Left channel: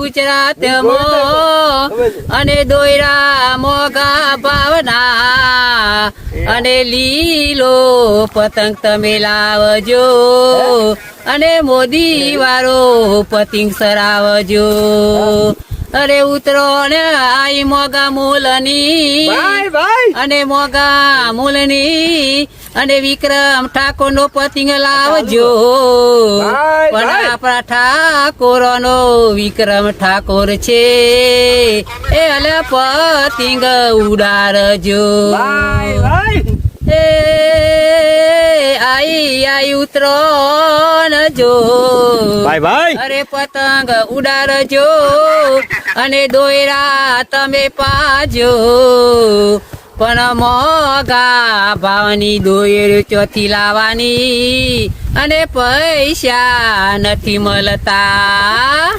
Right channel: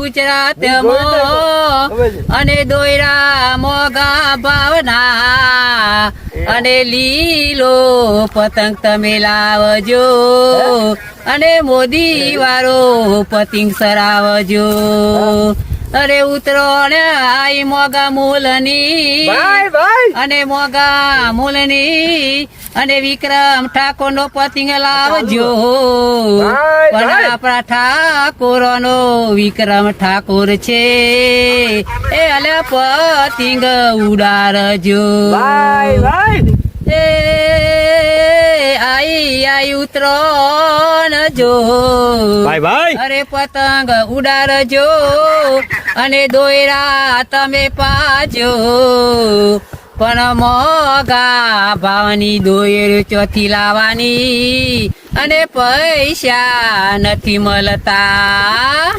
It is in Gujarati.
ગુજરાતમાં અને દોયરા મોગા ભાવના અને લીલો પતંગ તમે લાવજો અને મોદી વાળો પતંગ સરાવજો. અરે ઉતરોણ આઈ મોગા મૂલની અને મોગા મૂલની અને વિક્રમ ઠાકોર નો પતંગ લાવજો. પણ આપણા ઠાકોર નો વિક્રમ ઠાકોર છે એ અલે પતંગ ઉડાડજો. એ આઈ ઉતરોણ જો અરે પતંગ ઉડાડજો અને દોયરા તમે પાજો. પણ મોગા ભાવની દોયર ચોથી લાવવાની અને પૈસા નથી મળતા.